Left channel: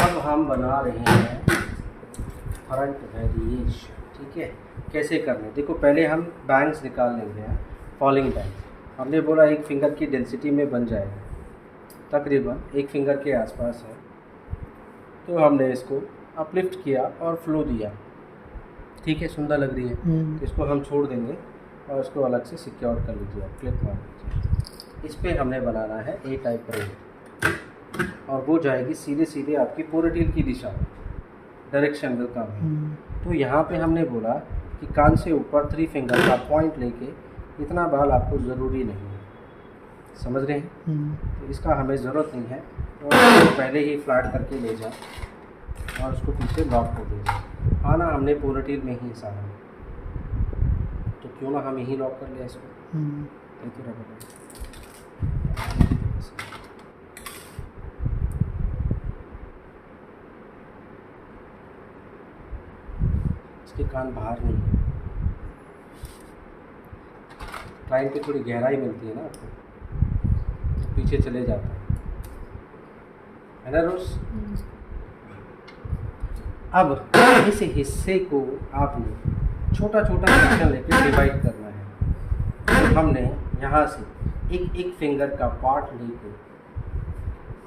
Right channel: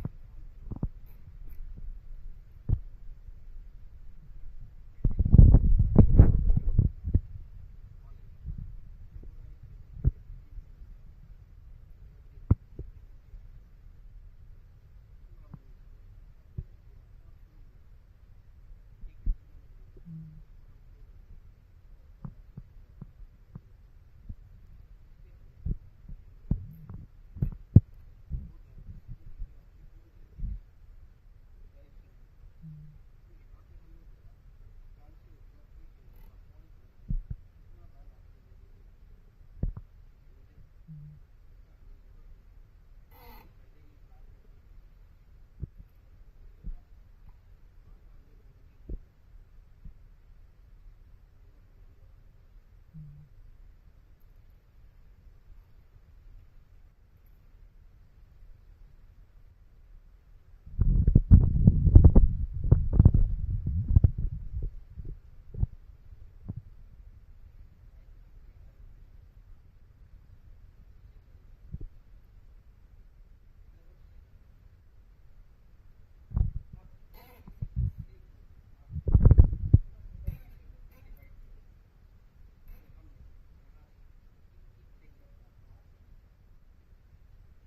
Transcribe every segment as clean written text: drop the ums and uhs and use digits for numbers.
अब हम बना रहे हैं फ्रंट वेरिएशन। ठीक है, कैसे करना है देखो। पहले हम बैंग्स निकाल लेंगे, फॉलिंग बैंग। हमने बोला एक फिंगर की डेंसिटी में बन जाएगा, तकरीबन एक फिंगर के आसपास है। तो हमने इसको अपलिफ्ट किया और फ्लो दिया। ठीक है, सुंदर लग रही है। तो इसको हम छोड़ देंगे और इसको अलग से सिक्योर कर लीजिए, आप क्लिक मार लीजिए। इस पर हमने बनाना है ए टाइप रेल, और वो जाएगी सीधे सीधे आपकी पोनीटेल की दिशा में, डायरेक्शन का काम। तो यहाँ पे हमने बोला कि कान से ऊपर 3 फिंगर का पॉइंट लेके इतना बाल आपको ज़रूरी नहीं है, समझ रहे हैं। तो इसका हमें ज़रूरत नहीं है, तो पहले ही फ्लैट करके ले जाए और उसको पीछे लॉक कर दीजिए। आना हमने पोनीटेल में ही सारा, तो क्यों ना हम यही लॉक कर लिया इसको। इसके कान बाहर नहीं है, क्लाइंट की थोड़ी गहराई मिलती है ना आपको, तो पीछे चले जाता है ना रोज। अब इस हिस्से को आपने छोटा छोटा सेक्शन लेकर डिवाइड करना है। तो हमने यहाँ से एक एक फिंगर का पार्ट लेके,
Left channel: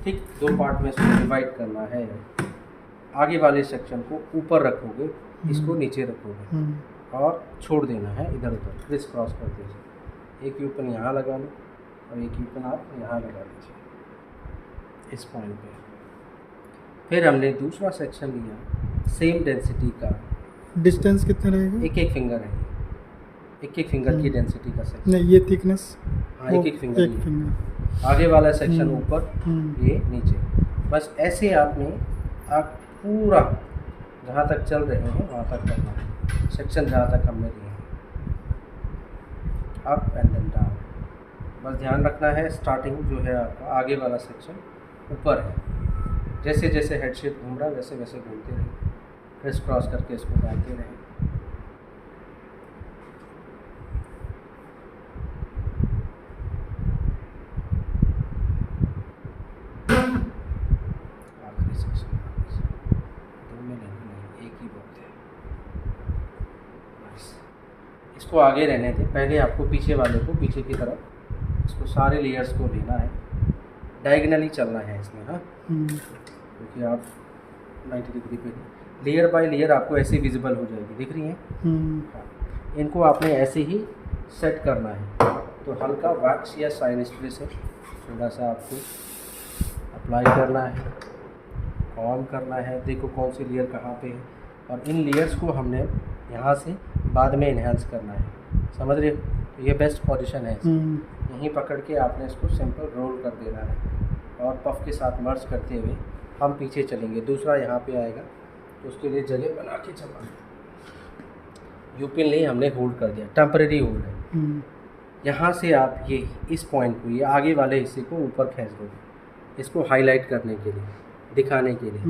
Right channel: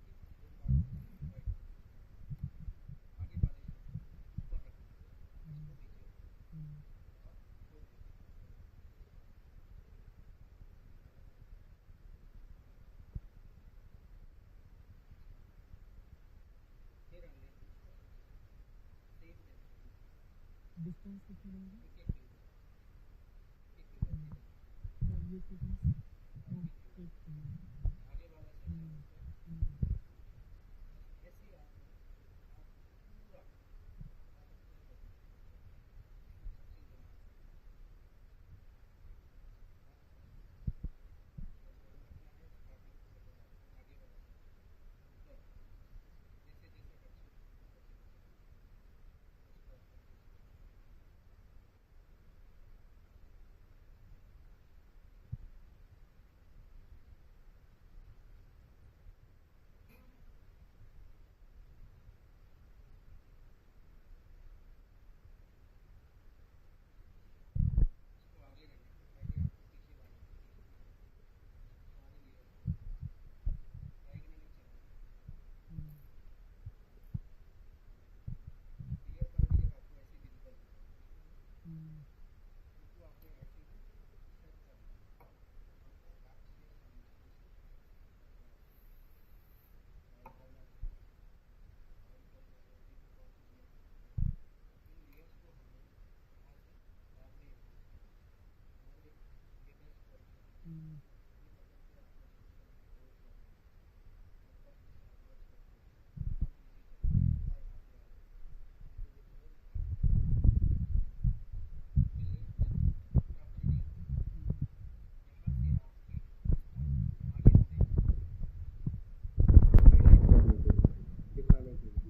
ठीक 2 पार्ट में इसको डिवाइड करना है। आगे वाले सेक्शन को ऊपर रखोगे, इसको नीचे रखोगे और छोड़ देना है इधर उधर, क्रिस क्रॉस कर दीजिए। एक यूपन यहाँ लगा लो और एक यूपन आप यहाँ लगा लीजिए इस पॉइंट पे। फिर हमने दूसरा सेक्शन लिया सेम डेंसिटी का। डिस्टेंस कितना रहेगा? एक एक फिंगर है, एक एक फिंगर की डेंसिटी का सेक्शन। नहीं, ये थिकनेस। हाँ, एक एक फिंगर। आगे वाला सेक्शन ऊपर, ये नीचे। बस ऐसे आपने आप पूरा जहाँ तक चल रहे हैं वहाँ तक करना है, सेक्शन जहाँ तक हमने दिए हैं, अप एंड देन डाउन। बस ध्यान रखना है स्टार्टिंग जो है आपका आगे वाला सेक्शन ऊपर है। जैसे जैसे हेड शेप घूम रहा है वैसे वैसे घूमते रहें, क्रिस क्रॉस करके इसको डालते रहें। आखिरी सेक्शन दो में नहीं, एक ही बहुत है। बस इसको आगे रहने दें। पहले आपको पीछे वाले को, पीछे की तरफ इसको सारे लेयर्स को लेना है, डायगनली चलना है इसमें। हाँ, क्योंकि आप 90 डिग्री पे लेयर बाय लेयर आपको ऐसे विजिबल हो जाएगी, दिख रही हैं। इनको आपने ऐसे ही सेट करना है। तो हल्का वैक्स या शाइन स्प्रे से थोड़ा सा आपको अप्लाई करना है, ऑन करना है। देखो कौन सी लेयर कहाँ पे है, और इन लेयर्स को हमने यहाँ से बाद में इन्हेंस करना है, समझ रहे हो। ये बेस्ट पोजीशन है, यहीं पकड़ के आपने इसको सिंपल रोल कर देना है और पफ के साथ मर्ज करते हुए हम पीछे चलेंगे। दूसरा यहाँ पे आएगा तो उसके लिए जगह बना के चलना। यूपिन नहीं, हमने होल्ड कर दिया, टेम्परेरी होल्ड है। यहाँ से आप ये इस पॉइंट को, ये आगे वाले हिस्से को ऊपर खींच दो, इसको हाईलाइट करने के लिए, दिखाने के लिए।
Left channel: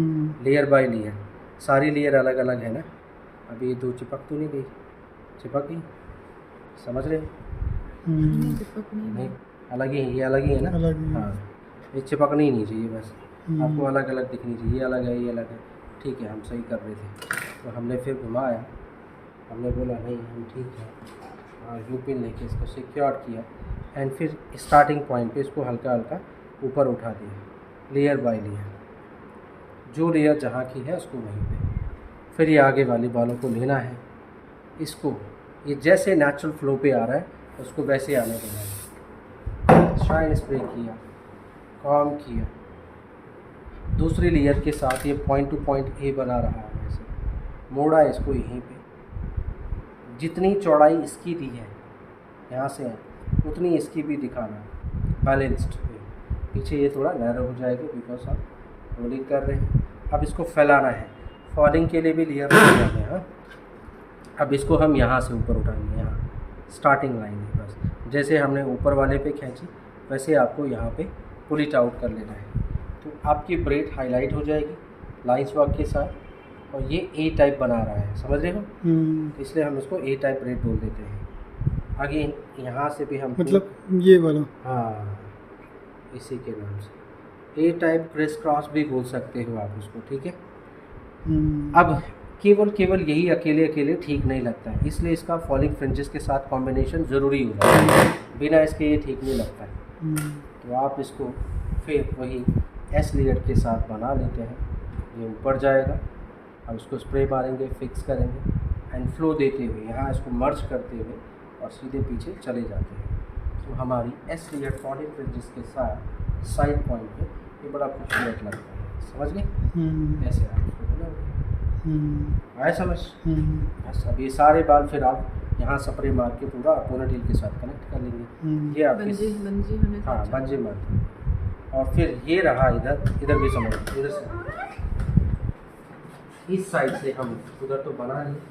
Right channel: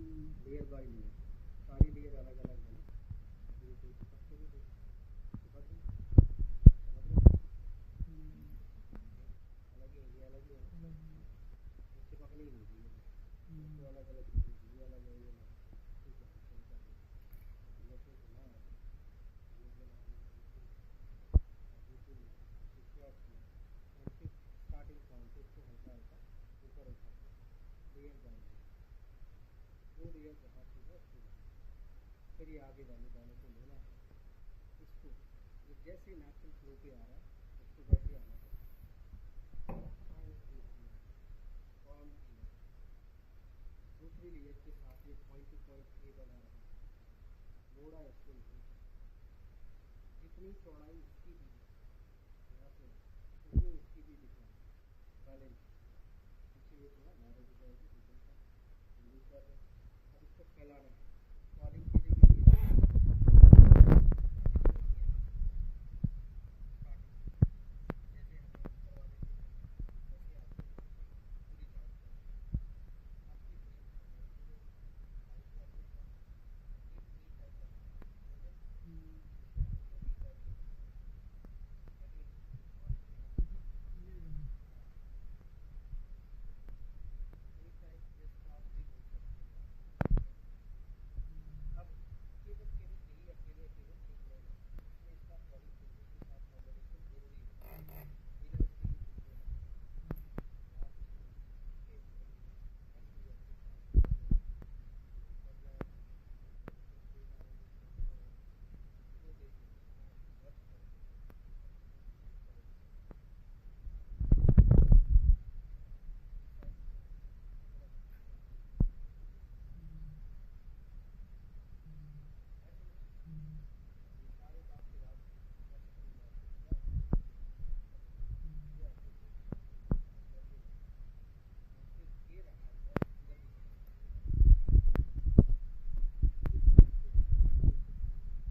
लेयर बाय लेयर, सारी लेयर अलग अलग है ना। अभी ये 2 चिपक तो नहीं गई? चिपक गई, समझ रहे? नहीं, अलग ही है, ये अलग ही है ना। हाँ, ये चिपकनी ही नहीं चाहिए, बस आपको अलग अलग दिखनी चाहिए। ये अलग है, ये अलग है, ठीक है, हम सही कर रहे थे। तो हमने फिर घुमाया, हमने बोला नहीं हम ठीक है, और यूपिन लेके इसको सिक्योर किया एंड फिर स्टार्टिंग पॉइंट पे इसको हल्का हल्का ऊपर उठा दिया, लेयर बाय लेयर, जो लेयर जहाँ की है उसको वहीं पे। फिर ये आगे वाले बालों को लेना है, इसको ये जैसे नेचुरल फ्लो पे आ रहा है उसको वैसे आने देना है। शाइन स्प्रे किया, कॉम किया, दूसरी लेयर के साथ ये पॉइंट टू पॉइंट ए बना रहा है, ऐसे मोड़ा इसको यहीं पे। जितनी चौड़ाई इसकी दी है यहाँ से उतनी इसकी भी दिखाना, बैलेंस्ड। पीछे ये थोड़ा नैरो हो जाएगा बिकॉज आप रोलिंग कर रहे हैं। अब इसको फैलाना है, फॉलिंग के लिए भी लेयर लगाना है। हाँ, अब इसको हम यहाँ से ऊपर उठाएंगे, यहाँ स्टार्टिंग लाइन है। बस जैसे हमने ऊपर वाले पे खींची वैसे आपको यहाँ पे पुल इट आउट कर लेना है। तो आपकी ब्रेड हाईलाइट हो जाएगी लाइन्स वर्क के साथ, और ये ए टाइप बना रहा है, समझ रहे हो। इसलिए हम इसको ए टाइप ब्रेड बोल देते हैं। आगे यहाँ से भी हम मतलब ये वाला, हाँ, इसी के नाम से ए टाइप क्रिस क्रॉस भी बोल सकते हो आप उसको, ठीक है। हम्म, अब केवल यही अकेले ठीक नहीं लगता है, इसलिए इसका फॉलिंग फ्रिंजेस के साथ कॉम्बिनेशन ज़रूरी हो जाता है, बिना इसके ये ठीक नहीं लगता है। हम्म, तो आप इसको फिर वही एस लेयर के साथ बना लेते हैं, ये ऊपर जाएगा, अब उसको स्प्रे मारेंगे, फिक्स करेंगे एंड फ्लो देते हुए यहाँ इसको मर्ज करते हुए और सीधे पीछे चले जाते हैं। तो हमारी एस लेयर फॉलिंग फ्रिंजेस के साथ साइड पॉइंट पे ये बड़ा खूबसूरत लगता है, समझ गए। ऐसे आप इसको बनाओगे, आया समझ। बस अब ये सारे बाल फिर आप यहाँ स्प्रे मार के पूरा पोनीटेल के साथ कनेक्ट कर लेंगे। ये आपके हाँ बंजी मत। और फिर ये रहा इधर भी समझ, इधर से इस साइड से हम उधर तो बना लिए,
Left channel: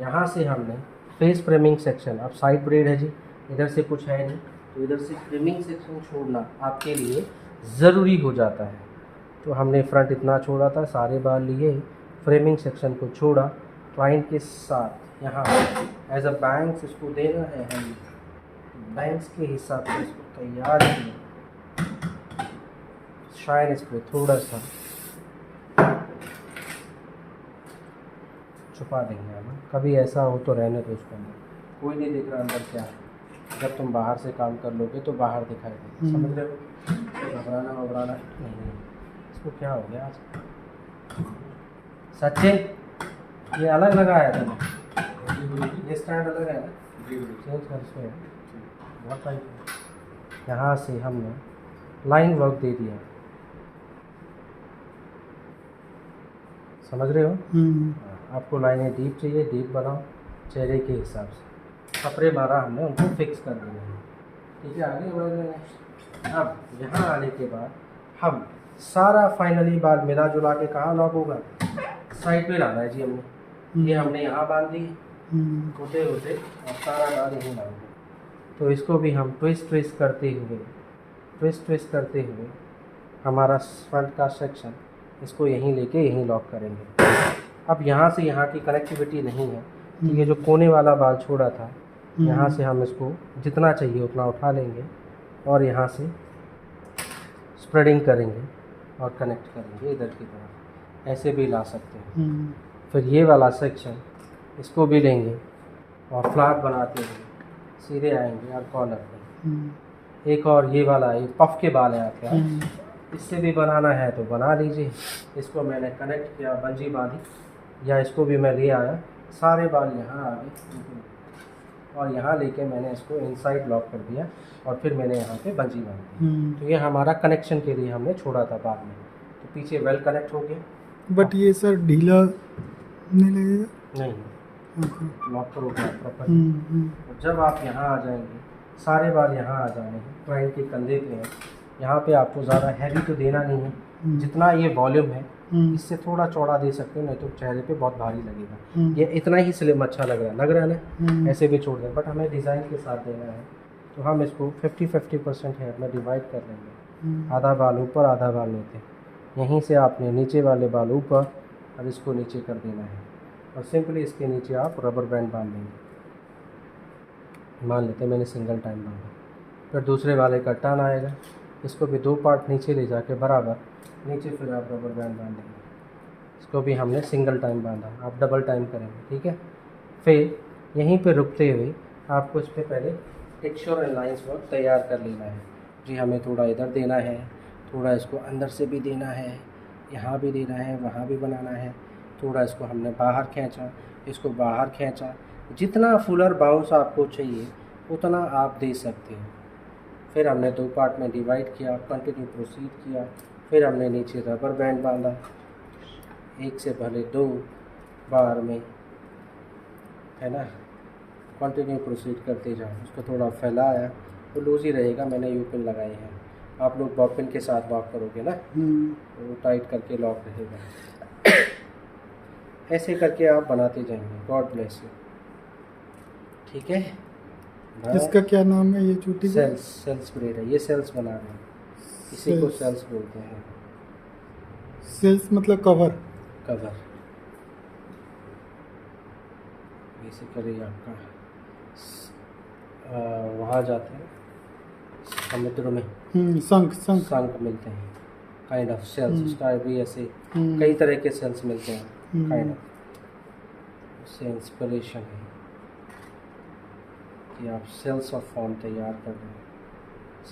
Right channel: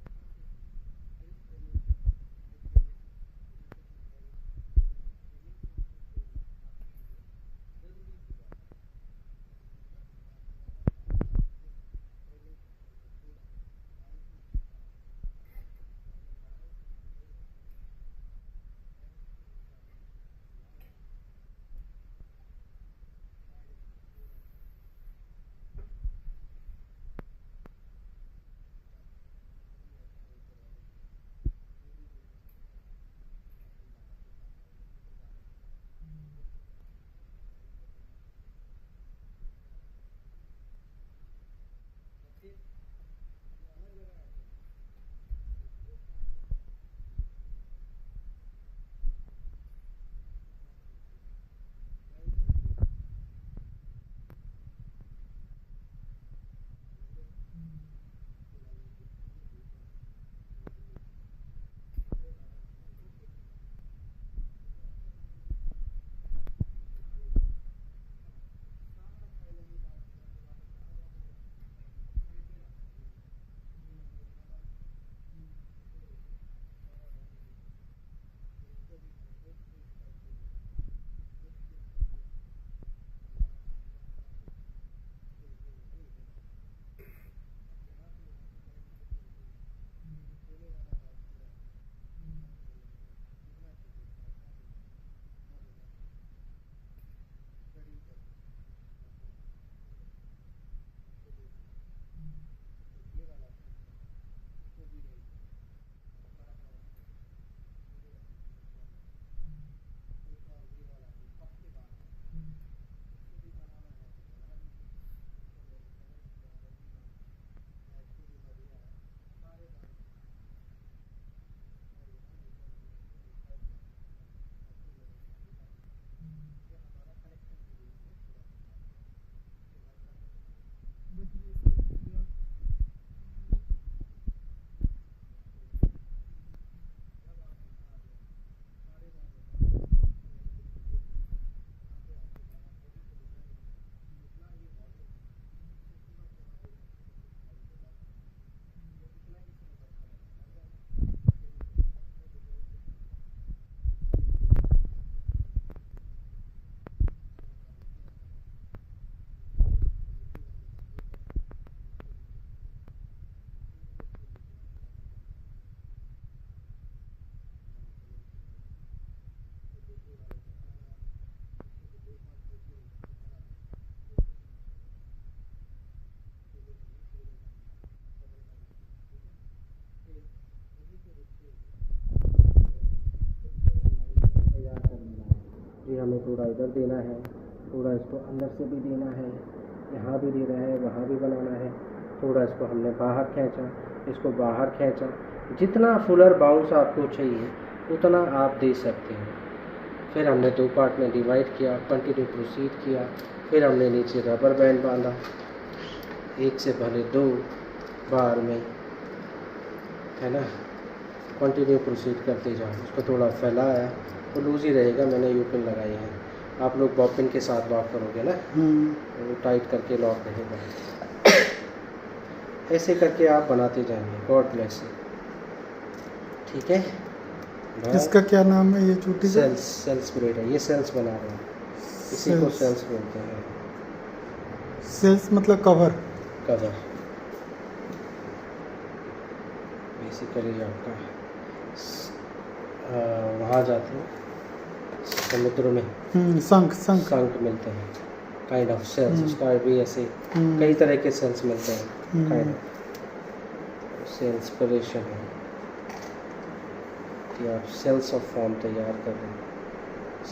यहाँ से हमने फेस फ्रेमिंग सेक्शन, अब साइड ब्रेड है जी, इधर से कुछ है नहीं, तो इधर से फ्रेमिंग सेक्शन छोड़ना आपके लिए ज़रूरी हो जाता है। तो हमने फ्रंट इतना छोड़ा था, सारे बाल लिए, फ्रेमिंग सेक्शन को छोड़ा, क्लाइंट के साथ यहाँ एज अ बैंक्स इसको देना है, हम बैंक्स के हिसाब से इसको तैयार किया, शाइन इस पर थोड़ा सा छुपा देंगे हम, कभी ऐसा हो तो रहने दो उसको अंदर, कोई नहीं देख रहा अंदर क्या है। जब तुम बाहर से काम कर लोगे तो बाहर दिखाई देगा, समझ रहे हो। घबराना नहीं, इसको क्या हो गया आज सचिन, ये अलग लगाया था, ये स्टैंड अलग है ना, चेंज कर से बहुत टाइट। यहाँ से हमने लाइन वर्क दे दिया, समझ रहे हो। आपको लाइनें डीप चाहिए, डीप बनाओ चेहरे के हिसाब से, कपड़े मारा हमने, उनको फिक्स कर दिया, ठीक है। आगे बढ़ रहे हैं। अब यहाँ आने के बाद हम सारा फाइनली बाल मिला जुला के कहाँ लॉक होगा, साइड पे लाना है जी हमने, ये हमने यहाँ बांध दी होते होते और सारा बाल यहीं लाएंगे। तो इसको भी हम ट्विस्ट करते हुए हमारा फ्रंट का सेक्शन इसको यहीं लेके यहीं लॉक करेंगे। अब यहाँ से यहाँ की कनेक्टिविटी नहीं है, तो ये जो कोने वाला बाल छोड़ा था, यहाँ से हम इसको जितना चाहिए उतना उठा लेंगे और यहाँ से स्प्रेडिंग करेंगे और कनेक्ट करेंगे इधर की तरफ, ऐसे भी ला सकते हैं। फिर ये वाला सेक्शन इसको भी लेंगे और फ्लैट बनाते हुए सीधे आएंगे और कॉर्नर पे। एक और ये वाला ये पफ के बाल है आपके, इससे भी बनाना है तो बना लीजिए। इसको मैंने कनेक्ट किया, बंजी बांधी, या इसको भी मैं ले आया, सारे बाल यहाँ आ गए और यहाँ लेके मैंने इसको इनसाइड लॉक कर दिया और फिर मैंने यहाँ पे बंजी बांधी। तो ये हमारा कनेक्शन के लिए हमने छोड़ा था बाद में, तो पीछे वेल कनेक्ट हो गया। बट ये सर ढीला नहीं लगेगा? नहीं, लॉक करोगे प्रॉपर। और जब आप यहाँ आ जाएंगे, सारे बाल यहाँ आ जाएंगे, क्लाइंट के कंधे पे हैं, यहाँ पे आपको ज़्यादा हैवी तो देना नहीं है, जितना ये वॉल्यूम है इससे थोड़ा चौड़ा दे सकते हो, नहीं तो चेहरे पे बहुत भारी लगेगा। ये इतना ही स्लिम अच्छा लग रहा है ना, ऐसे भी छोड़ दें, बट हमें डिज़ाइन के साथ देना है, तो हम इसको 50-50% हेयर में डिवाइड कर लेंगे। आधा बाल ऊपर आधा बाल नीचे, यहीं से आपने नीचे वाले बाल ऊपर और इसको नीचे कर देना है, और सिंपली इसके नीचे आप रबर बैंड बांध देंगे। मान लेते हैं मैंने सिंगल टाइम बांधा, फिर दूसरे वाले का टर्न आएगा, इसको भी 2 पार्ट नीचे ले जाके बराबर नीचे फिर आप रबर बैंड बांधेंगे। इसको भी हमने सिंगल टाइम बांधा, आप डबल टाइम करेंगे, ठीक है। फिर यहीं पे रुकते हुए आपको इस पर पहले टेक्सचर एंड लाइंस वर्क तैयार कर लेना है जी। हमें थोड़ा इधर देना है, थोड़ा इसको अंदर से भी देना है, यहाँ भी देना है, वहाँ भी बनाना है, थोड़ा इसको हमने बाहर खींचा, इसको बाहर खींचा, जितना फुलर बाउंस आपको चाहिए उतना आप दे सकते हैं। फिर हमने 2 पार्ट में डिवाइड किया, कंटिन्यू प्रोसीड किया, फिर हमने नीचे रबर बैंड बांधा, 1 से भले 2 बार में, है ना, कंटिन्यू प्रोसीड करते जाओ। उसको थोड़ा फैलाया तो लूज ही रहेगा, मैंने यूपिन लगाए हैं, आप लोग बॉपिन के साथ लॉक करोगे ना, वो टाइट करके लॉक रहेगा। ऐसे करके आप बनाते जाएंगे, गॉड ब्लेस यू, ठीक है। इसका क्या नाम है ये छोटी? सेल्स ब्रेड है, ये सेल्स बना रहे हैं, इसी को सेल्स बोलते हैं। सेल्स मतलब कवर बेसिकली आपका वहाँ जाते हैं समुद्र में, शंख मिलते हैं, काइंड ऑफ सेल्स, उसका भी ऐसे कई तरह के सेल्स मिलते हैं काइंड ऑफ, उससे इंस्पिरेशन है कि आप सेल्स ऑफ फॉर्म तैयार कर रहे हैं,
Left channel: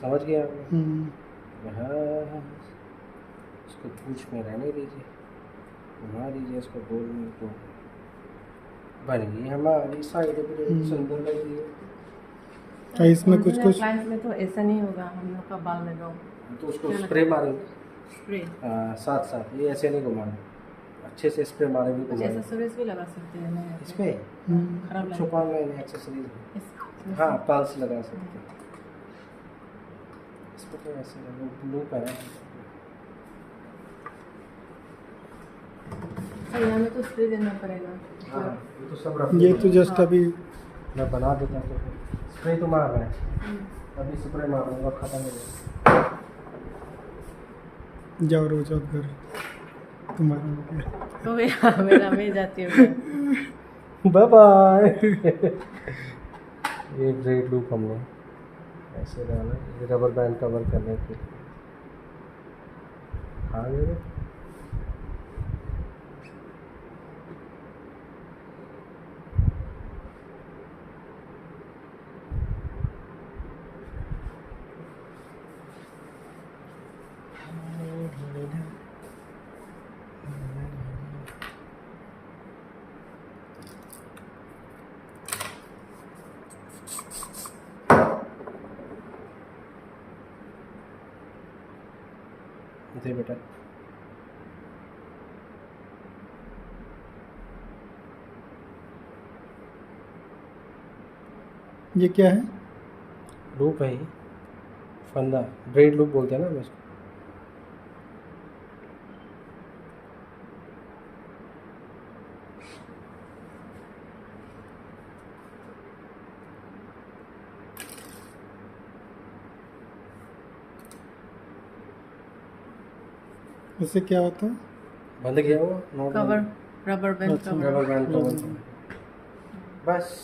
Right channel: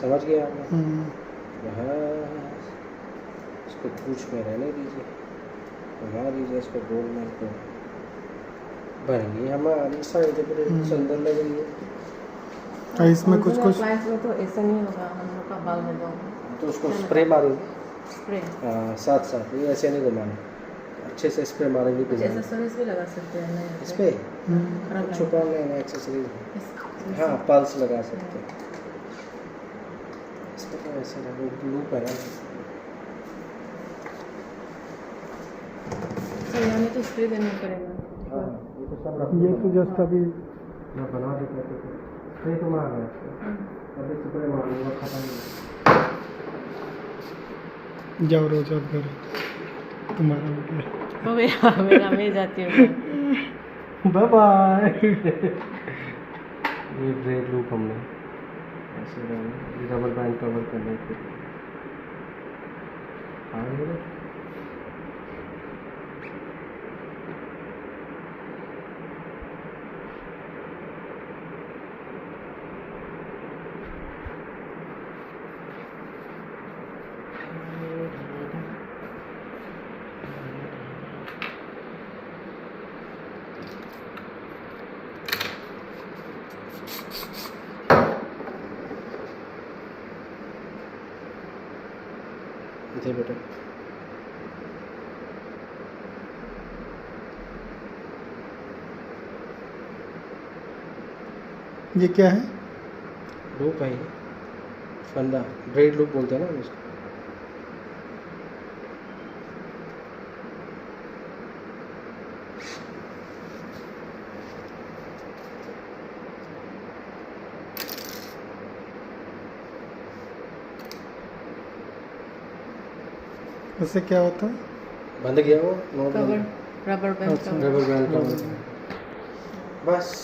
समझ गए आप? हाँ, इसको पूछ में रहने दीजिए, घुमा दीजिए इसको गोल में को, बन गई हमारी साइड पे, सुंदर लग रही है। इसमें कुछ कुछ क्लाइंट्स में तो ऐसा नहीं होगा, हम लोग का बाल में तो उसको स्प्रे मारोगे स्प्रे साथ साथ, ये ऐसे नहीं घुमाना, अच्छे से स्प्रे मारेंगे कुछ घुमाना एक्सेसरीज भी लगा सकते हैं इस पर छुपाने एक्सेसरीज, हाँ पल्स लगा सकते हैं इस पर, तो ऐसे वो ग्लू है हमें तो स्प्रे देना पड़ेगा। हाँ, ये तो सब रख ये तो जस्ट अभी मैं बना देता तो स्प्रे तो मार रहा है, अभी स्प्रे मारूंगा, खत्म नहीं। जाओ रोज आप घर, तुम्हारा हो गया। हो गया मेरा, मैं जाती हूँ। Bye bye. ये ग्रेड लूप हमने ऐसे डाला, ये रबर बैंड कवर करने के, हाँ ये दे बेटा, ये क्या है? लूप है ये, फंदा, ब्रेड लूप बोलते हैं ना उसको। उससे क्या होता है? बंद गया वो कवर, रबर बैंड अच्छा। कवर। रबर बैंड कवर, बस